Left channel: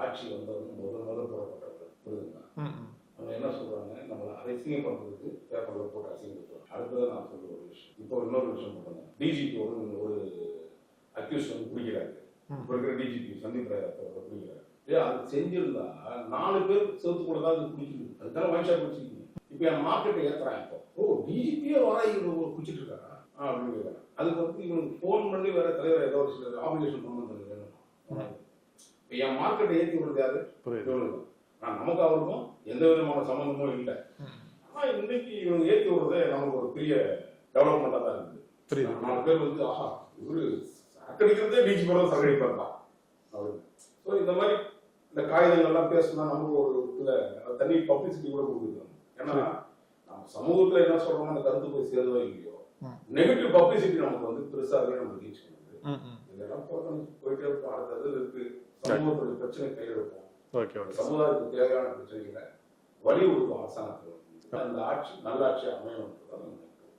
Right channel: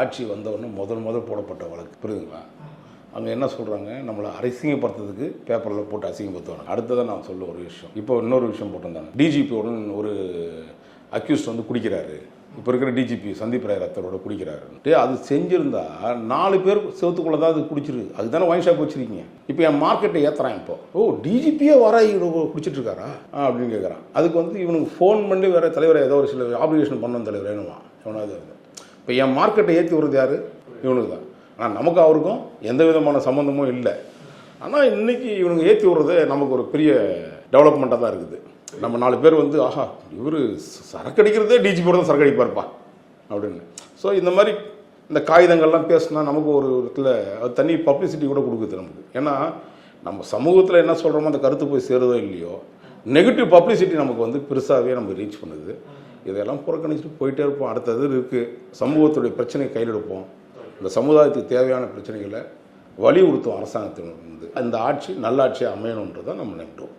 ஆட்சி வந்தவொடனே முதல் போடப்பட்ட வழக்கு புரியுதுங்களா? அங்கே என்ன சொல்கிறாங்க, நம்மளை அசிங்கப்படுத்துறதுக்கு பேப்பரில் போட்டு அசிங்கப்படுத்துவாங்க. அடுத்ததான் நான் சொல்ல ஒரு விஷயம், இப்போ இன்னொரு விஷயம் போட்டிருந்தாங்க, டிஜிபியோட ஒரு அக்யூஸ்ட் வந்து குடிக்கிறாரு, இப்போ இருக்கிற டிஜிபி சந்தீப் ராய் ரத்தரோட குடிக்கிறாரு. அது செஞ்சுருந்தா 4 பேர் செவத்துக்குள்ளே தான் அது குடிச்சிருக்கு. அதுதானே ஒயின் ஷாப் வச்சுருக்கீங்க. இப்போ என் மார்க்கெட்டை ஏற்றுறான். இப்போ டிஜிபியே வர குடிச்சிட்டு இருக்காரா அப்படின்னு கேட்குறான். அதுக்கு வந்து இவனுக்கு ஃபோன் பண்ணி வேறு தலைவரை ஏதோ ஒரு சில ஆப்ளிகேஷன் பண்ணணும் தலைவர் வேணுமா எவனாவது. இப்போ என் மார்க்கெட்டை ஏற்றி விடுறது யார்? இவனுக்கு தான். ஆனால் நமக்கு அவருக்கும் எந்த விதமான சம்மந்தமும் இல்லை. ஆனால் இன்றைக்கி இவனுங்க ஏற்றி விடுறது நமக்கு ஒரு பெரிய டெவலப்மெண்ட்டாக தான் இருக்குது. நம்ம 4 பேர் வந்து ஆஹா இவர் சரக்கு அடிக்கிறதே டிஜிபியோட தான் சரக்கு அடிப்பார்ப்பா அப்படின்னு. ஸோ இந்த மாதிரி இந்த காகிதங்கள்லாம் பேசினா நமக்கு ஒரு இடத்துல அது தனி பப்ளிசிட்டி கூட கொடுக்குது நமக்கு. ஏன்னா நம்ம சமூகத்தில் என்ன சொல்கிறோமோ அந்த கருத்து போய் சேருதோ இல்லையோ, நெகட்டிவ் பப்ளிசிட்டி நமக்கு வந்து பெருசாகவே நமக்கு ரீச் பண்ணுது. இதெல்லாம் புறக்கணிச்சுட்டு போயிட்டே இருப்போம். அடுத்தது இருக்குது, சமூகத்துடைய பிரச்சனையை கையில் எடுப்போம். இந்த சமுதாயத்துக்கு தேவையான பிரச்சனைகளை வலியுறுத்தும் அரசாங்கத்தின் வந்து அந்த ஆட்சி நல்ல ஆட்சியாக அமையணுன்றதை நம்ம நினைக்கிறோம்.